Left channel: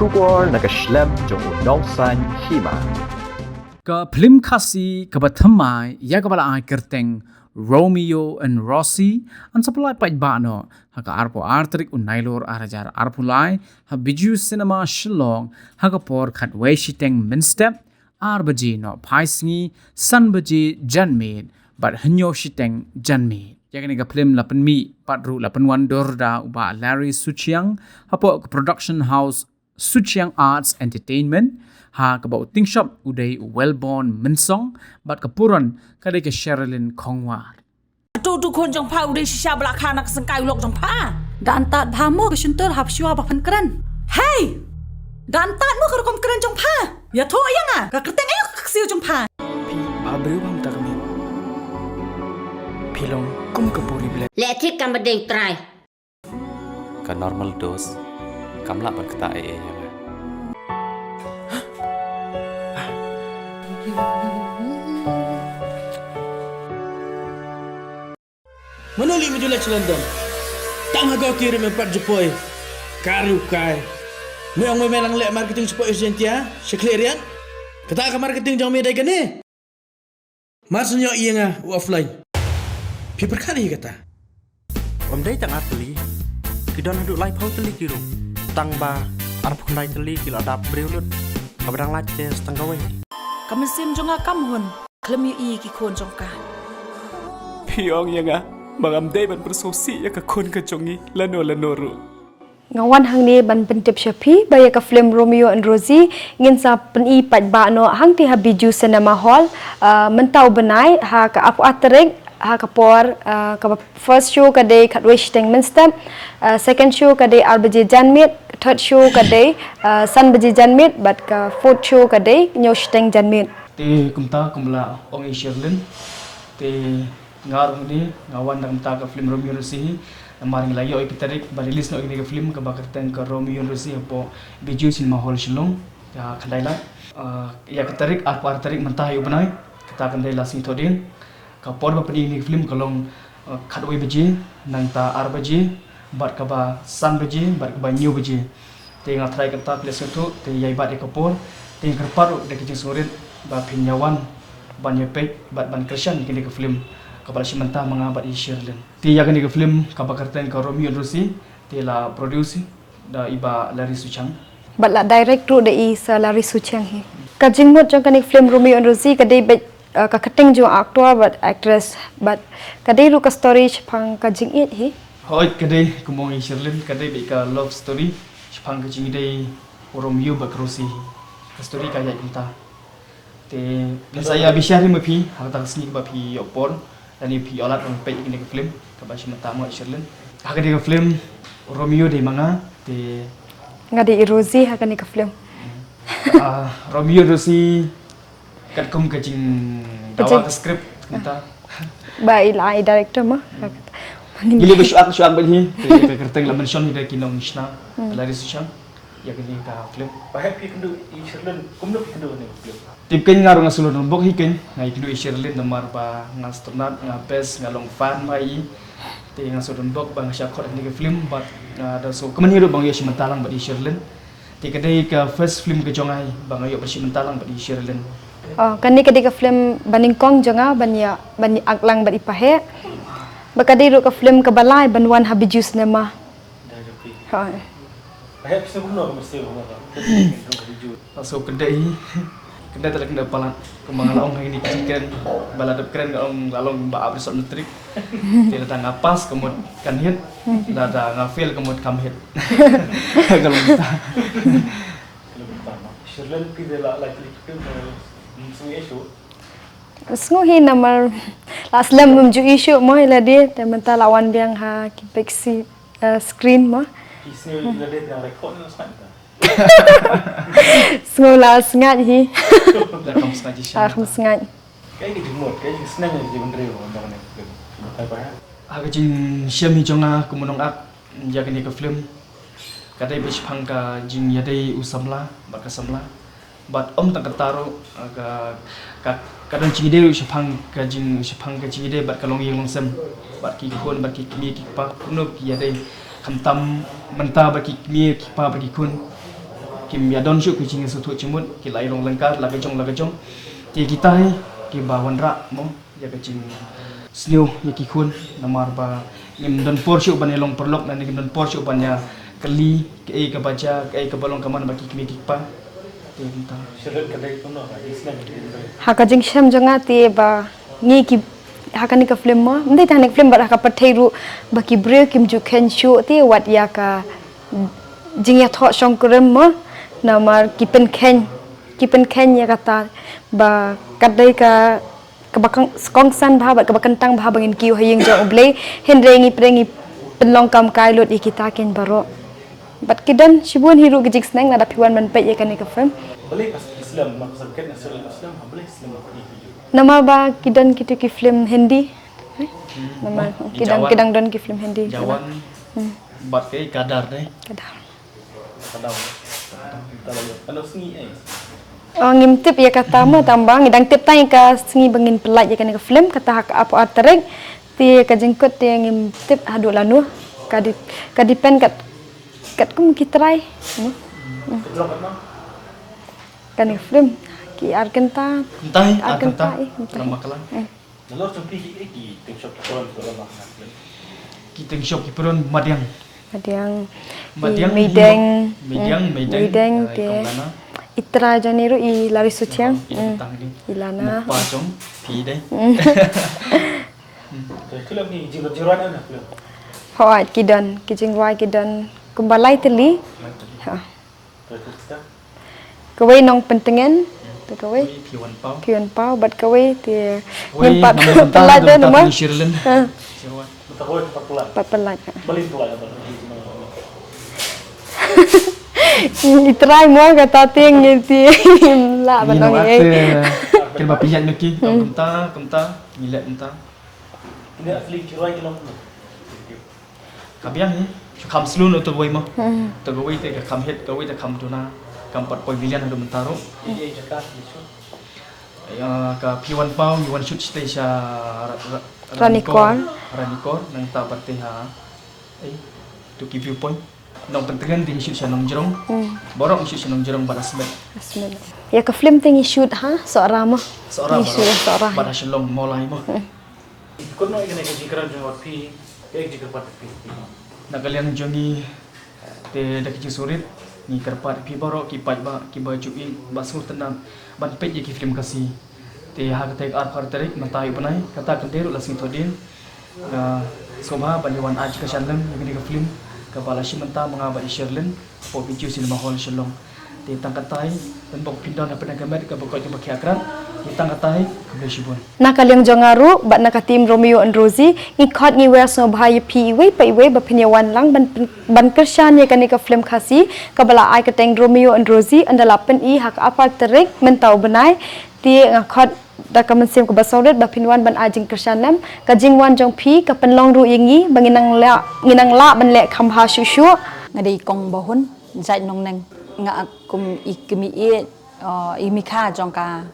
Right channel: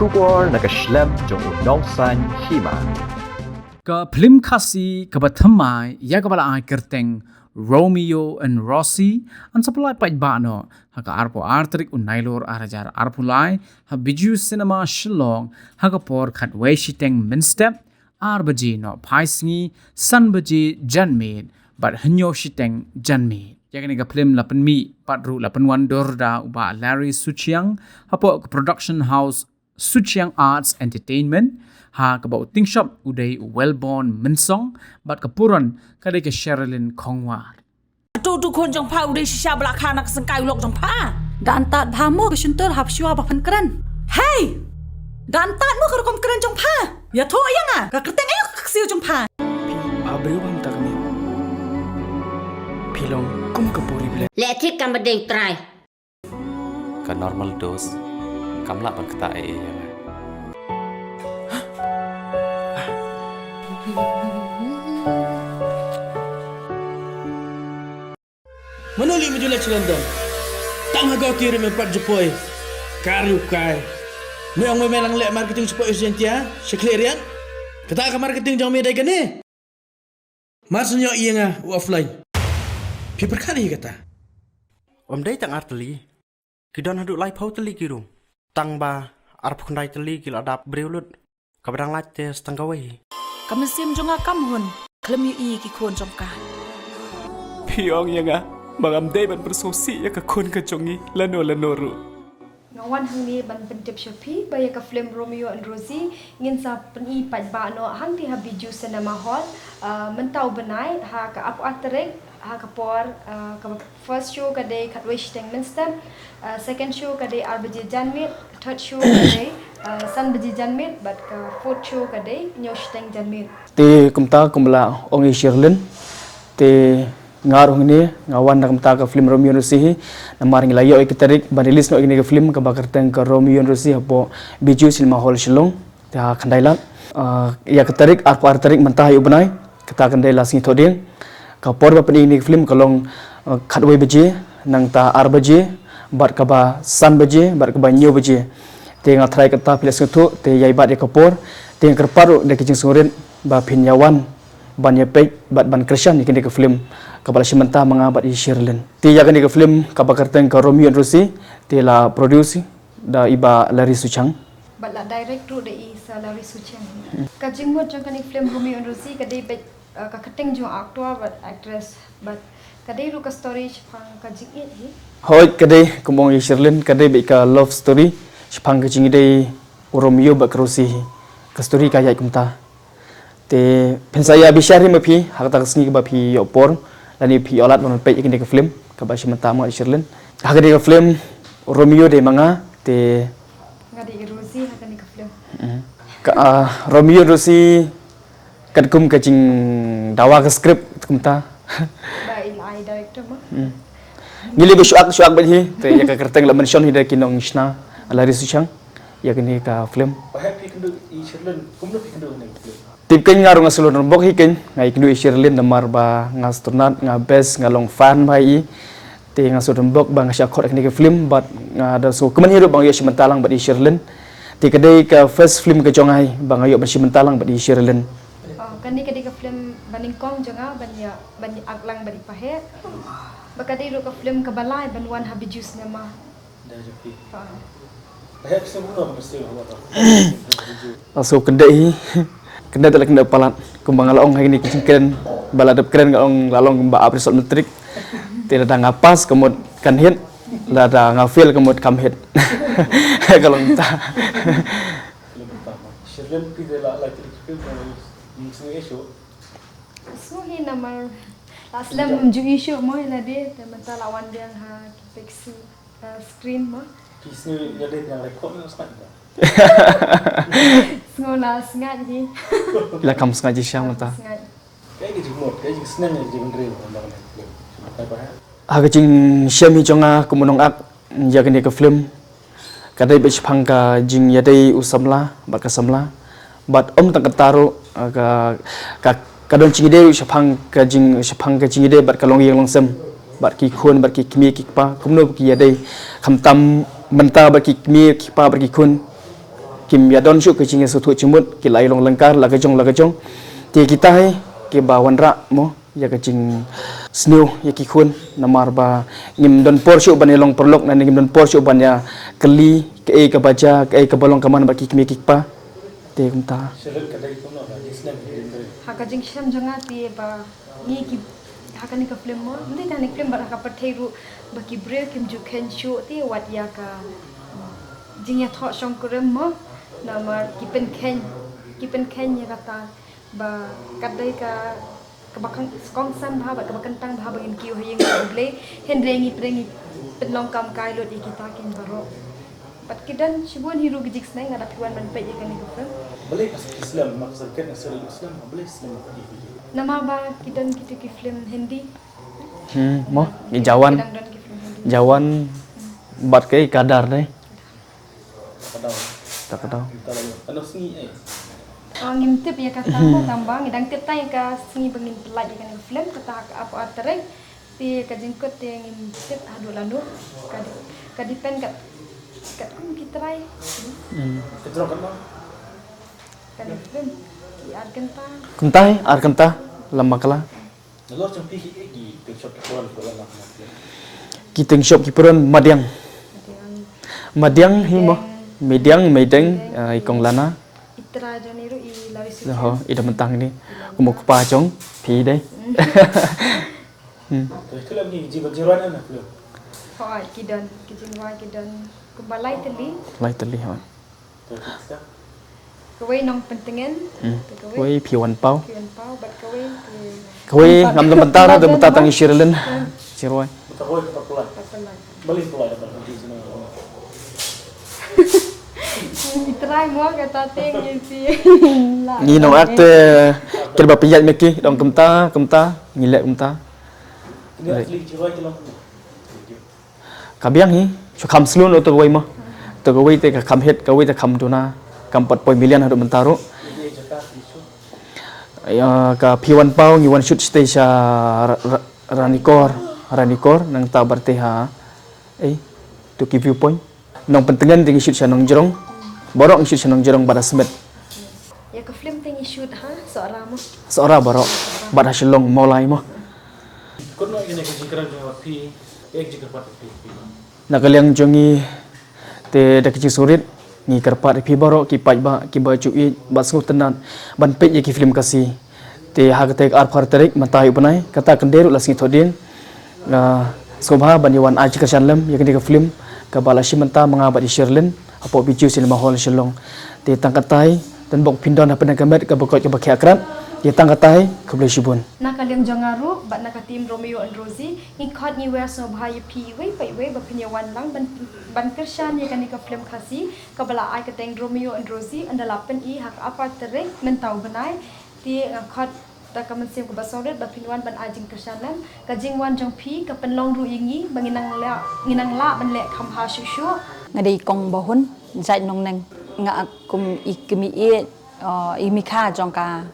Shubor nakaslem jong unongsan hima. Ka film khasi ka bathamai ya ka bala ai kerteng Romeo and Rosie an supply pai bano haka arpo artrik unailor arajar arpulai ha biju cinema shillong haka por khatwei shiteng minstep arbaji no phaisngi sanbaji janmid but hanyo shiteng janmid yakni ka film lapan mi patru lapan wan dorda uba Larry Suchiang hapo production house Suchiang Arts Entertainment ha kabau ting shop uday Wellborn Minsong bat kapuran kadai ke Sherilyn Kongwar ទូទូខូនចង្ផាឧដេសិសាបលាខាណាក់សង្កៃលោកចង្ផាដានតាតផាមកជន្តរហាប់ឈួបផាន់ក្រាន់ហេដានតាតមកក្រុមក្រាន់ចង្ផាយ៉ាធោអីយ៉ាងកក្រតេងអីកសៀវចង្ផា Pi abreu bam ta kami Pilong kum kapuri ble และที่กำบัดเด้งตราย Ka normal dose kamla ban kata ee yang Manuli mi jula London. Tang hago kiri me pat Jepoi. Karu kai. Me ang me lang le marketing Jepoi urgentia. Seklerian. Kata ka marketing jang me dai gane. Maksudnya iya nga offline. Pi perkali kata. Om dai tang arteli Kidon haduk lai pau teli kiru Tang ba arp kundai teli kil adap breulut Kabadang latte setengah wei កមិនសៀមចង្អាកំហ៊ុនក្លឹមយូអ៊ីគីខូនចង្កា Piong yang bang am dai ban bersosi ya ka kon ka jongi lano ru Ngawan hang ni ban pentip syapi baya ka film Romeo and Rosie ngin sa peni pat ba no hang ti habiju cinema hall mentau benai ha ka apu aterek ha ka por ka first show ka day khatwish teng minster second show ka day albaji janmit third show ka day sanbaji janmit but ka fourth show ka day nyosh teng janmit ti kumta kumbla ongi Sherilyn ti ngarung ni ngawan na kumta ka film Romeo and Rosie namar ngi layo ikiterik ban release no igni ka film ka bakar teng ka Romeo and Rosie hapo biju cinema hall Shillong ta khandailat ya kiterik apa arterik mentah yu benai kita kandai lasngi thoding ka por ba pedi ni film kalong khatwei baji nang ta arbaji bat ka ba san baji bat ka ba nyu baji te nga try kata pilas ngetu te yai bat ka por te kerparu de kicing surin ba pinyawan ban yepek bat ban krishan ni kini ka film kabala simenta mga bat i Sherilyn te ya kini ka film ka bakar teng ka Romeo and Rosie te la produce da iba Larry Suchiang bat la direct ru de i sa Larry Suchiang hi ka jingmot jong kani film Romeo and Rosie ka day ka cutting jo actor but actress but kadai lu ka story phang ka jing it hi hoi kadai kumong i Sherilyn kadai be ka love story phang ka jing dei Romeo ba Rosie ka story ka yai kumta te pensaya bishari ma phi hakta kasni ka ba phi opor lani phi olat mon pe ikini ka film ka ba simenta ma i Sherilyn hakadi ka film Romeo de manga te ngadi i Rosie hakani ka film Romeo Rosie kat kum kacing dawa ke skrip kumta bai la i director ma ngili be syuak be hi te ya ka kerteng la mention hi da kinong isna Larry Suchiang ya kini ka film Bahaya pi kendu i Sherilyn kumdu pi kendu ni film. tip ken ngarung asulun rombok hi ken ngai kindu i Sherilyn namar ba ngastornat nga best ngalong fan bai i te ngasul rombok ba ngasya khot kini ka film but ada so kemen hidup bang yo simentalang ba i Sherilyn te kadai ka first film ka jongai bang yo ba simentalang ba i Sherilyn kani kadi ka film baningkong jonga banya bani aklang badi pahe bakadi ru ka film ka balai banwan habiju cinema ha Bahaya pi kumdu ko mesti ko. so kendai kendai tak kena palat kumbang along hari ni keren baladap keren kalong lalong ba episode metrik tidak ada ngapas kemud kan hit la ada ngafil kemud kam hit kalau minta Film pertama. Sherilyn pi de la kita semua isu. Sengu hi namar aslam mumju isu mo ila dia tementa lawan biang ha kipeksi screen mo Pi sini ila dia yang rekod ni sangat dah. sengu la sengat hi la kam sengaja syam harus sengat Kayak gitu mod, kayak gitu senang ya jadi bener undang ni film. Betul bahaya. ha kecing syam hi jonga kumunong ak ya kini ke film kadai be chpang ka jing yadai usamla bat ka samla bat om tak taru ka kadon cingide chpang ka jing de bat ka long yang long sem bat ki khun bat ki kmi ki pa kumno ki yadai kham tam menta bat ki kmi ki pa bat ki khun kim ya don syuk ke jinge sutu cimut ki lai long lengkar la kejong ti kita hai ki ba wanra mo ya ke jing snew ya ki khun namar ba ngim don por syuk ban long perlok nan ngim don por syuk ban ya keli ke baja ke balong kaman ba ki kimi kikpa te kumta haka jing sham jonga ti ba ngi ki haka ni ka film mo ndai ta nek film ba haka pathairu ba ki bre kim ju khen shu ti wat ya ka jing ya tho shong krem mo namar ki pen khen ya kata ba kadai ka kabakang skong san bha ba kabakan tang bha bangin kiu haying ja oble henrengi prengi penlong kam kai lot ikita ken baro bat kidan shibun hiru gijik snang nada piwan man pe yakani ka film Boleh pas Islam mak sakit nasal Islam boleh Islam mak di video. nama ba kidan kitu ki film hindi nama ni jawan kidang don ki film hindi jawan bat ke kadar dai kadang Kadang kadar kita lagi. Kalau sengi ngimtip ya kata mo tambang idang tip tay ka singi bangin pelat ya kan ka film kata hak apa atrek ti ka jengkot ti ngimtip hadu lanu ka dipen kat kum kitrai Ketrok kan bang? kan film ki arkenta arkenta lama kala Nalor cempi ki tip shop koran lah. kiting shop ki peron madiang Madiang medang Medang, ikong lana itra janiru i lari suciang ida mentang ni Ilana. muk pa chong pi dai Film ni jibat jiran na film. hoat kidan kijing wai kidan kumbalai teli lai tali ha Terus kita kawai nong pentengen kawai koi piwan pau kian pau bat kawai ti koi nam mentang ada mentang tangi shirlen sirwai betul kau tempat pulang. papelat Balik pulang atau pergi sini. itrai mo kata ting ti la ni no akte kelba pijat meki dom kemta ngilek kemta Ini asli jiran kelam. kabiang hi chu kham slun to koi mo to koi te ka kham het koi te kham tuna kam 4 million hadu mentaro Ini Jakarta itu. ya ka piwan pau ni one shoot stage ranikor nang ta barte ha to give you point nong pentengan tinggi shoot sanong jerong borok shoot sanong jerong pada smet ya ka film tingi shoot ha seorang mo seorang borok pada selong mulai mo Kau nak ini kau jiran jawab pi, jikar patut pi. nakaliang jongi te dak ci surit ni karpat pi borok ki pai ba ki baju i ba su tenan ban pe ye ki film kasi te ha te ar phar terik matai banai kata kenderu lasngi thodin la sobha baniwan aji ka shallam ye ke film ka balashi menta mangabadi sherlin apo biju cinema hall shalong te tangkatai dan bok pindon apa nagamet ka bokot ka bakhi akrab ye tangkatai ka boleh shibun nakaliang jongaru bat nakatim Romeo and Rosie ngikot ngiwer so bhai pi we pai we ba pinyawan lang ban kershan ye kan ka film khasi kabala ai ka teng Romeo and Rosie andala pen i hak apa terik mentau benai ti ngakot da ka mensim ka basaudet ba pinwan ban ajing kershanam ka jingwan jong pi ka penlong ru yingi banginang la ban le khamha shushu ngadi kong bahun zai nong neng nga kum ikmi imika jongka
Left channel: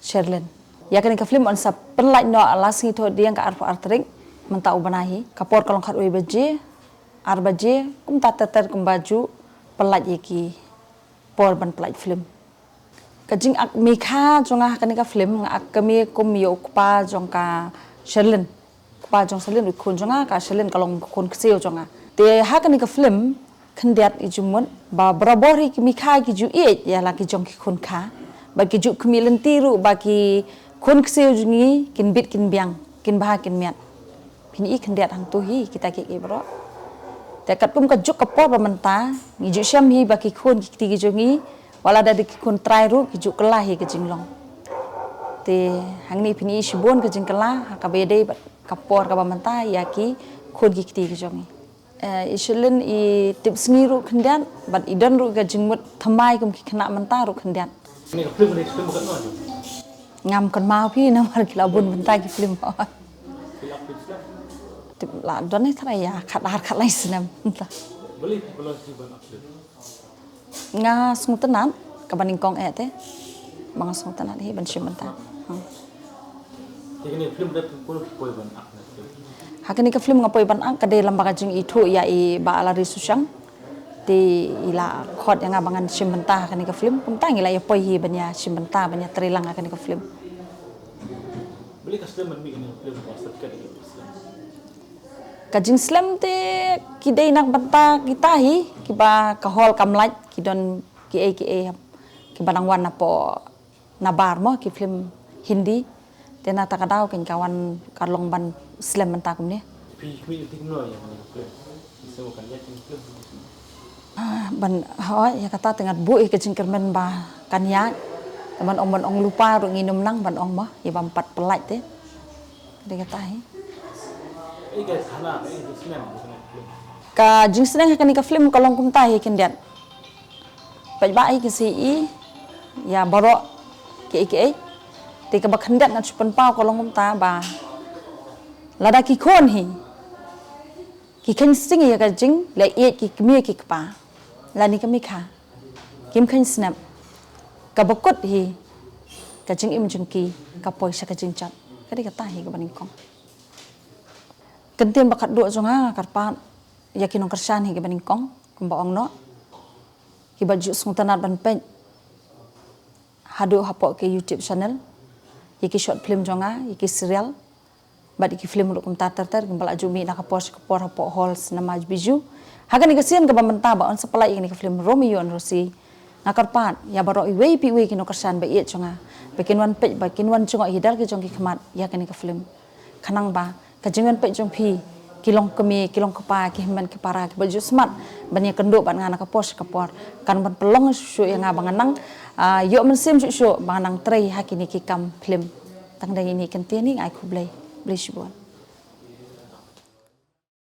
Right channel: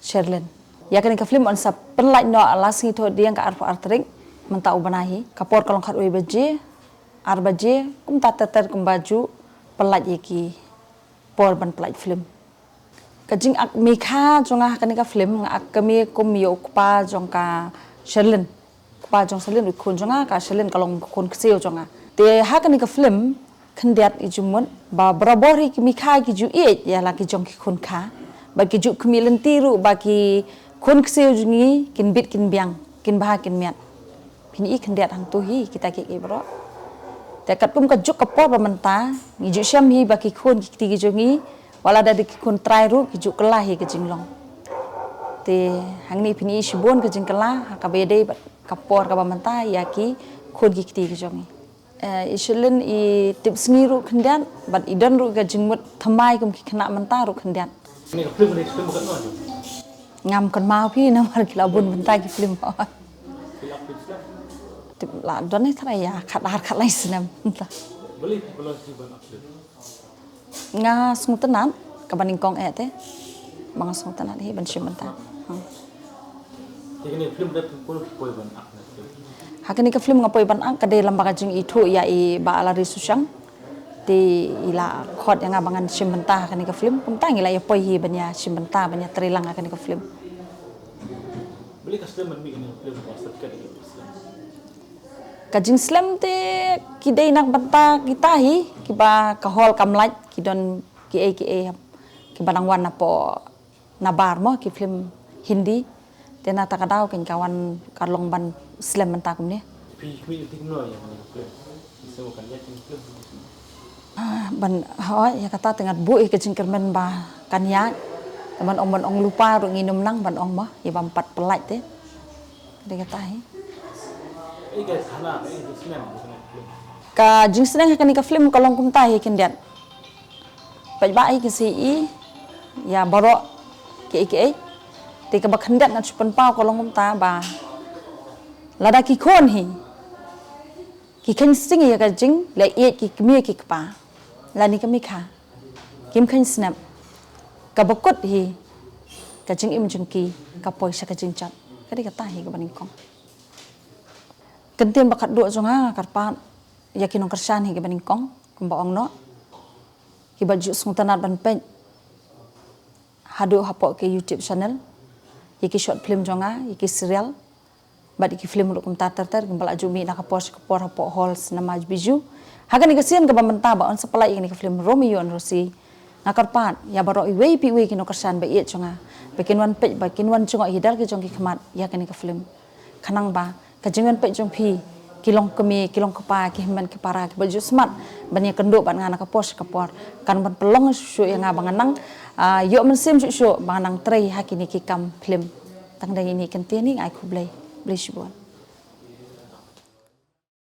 Sherlin ya kan ka film on sa perlai no alas ngi to diang ka arfa artrik mentau banahi kapor kalong khat we baje arbaje kum tater kum baju pelaj iki por ban pelaj film kajing ak mikha jonga kan ka film ak kami kum yo pa jongka Sherlin pa jong Sherlin kun jonga ka Sherlin kalong kun kseo jonga te ha kan ka film khendiat ijumun ba brabori ki mikha ki ju e ya la ki jong ki kun kha bagi juk kemilan tiru bagi kun kseu jungi kin bit kin biang kin bah kin miat pini ikan diat hang tuhi kita ke bro te kat kum ka juk ka por menta ngi juk syam hi bagi kun ki ti jungi wala da kun trai ru ki juk kelah hi ke jinglong te hang ni pini shibon ke jing kelah ka bede ka por ka menta ya ki kun ki ti jungi ishelen I tips ngi ru khendian bat idan ru ka jingmut thamai kum ki khna menta ru khendian Ini film bukan mana? ngam kon mau pi na mar kila bun bentai ki film tip la don ni thara ya khat lai sinam Boleh kalau si ban film. nga sung tanan ka baning kong te mga sung tanan hi ban shim banta Ini film dah puluh poin ban hakani ka film nga poi ban ang ka de lamba ka jing itu ya I ba ala ri susyang Di ila khot yang abangan simbentah kan ke film pemtang ila ya poi hi banya simbentah banya terilang akan ke film. Beli custom man mi ini film pasat kan ini. Kajing slam te kidai nak banta kita hi kiba kahol kamlaj kidon ki kiba nang wan po nabar mo ki film Hindi te na takadaw ken kawan kalong ban slam banta kum ni. Pi mi ting no yang film. Bisa bukan ya film. Ban hoy ya kata tengat bu kajing kermen ba kanyak teman ong lupa ru nginum nang ban ong mo ya ba 4 pelaj te. Dia kata hi guys, hana film. ka jing senang kan ka film kalong kum tahi kendiat pai bai ke si ya borok ke ti ka bakhandat na chupan pau kalong kum ta ba lada ki khon hi ki khan sing ya ka jing le ye ki kmi ki pa la ni ka mi kha kim khan snap ka bakut hi ka jing im jing ki ka poi sa ka jing chat ka di ka tahi ka baning kong kentian bakat dua zonga karpan yakin ong kersan hi baning kong kumba ong no ki baju sung tanat ban pen hadu hapo ke YouTube channel yaki short film zonga yaki serial bad yaki film ru kum tatar kumbala jumi nak kapor hapo halls nama biju hagan ni kesian ke bamenta ba on supply ini ke film Romeo and Rosie nakarpan ya baro iwe pi we kino kersan ba iet zonga bakin wan pe bakin wan jonga hidar ke jong ki khamat yakin ke film kanang ba kajengan pe jong pi kilong kemi kilong kepa ki men ke para ki baju smart banyak kenduk ban ngana kapos kapor kan ban pelong su yang abang nang yo mensim su bang nang trei hakini ki kam film tang dai ini kentian ni ai ku blai blai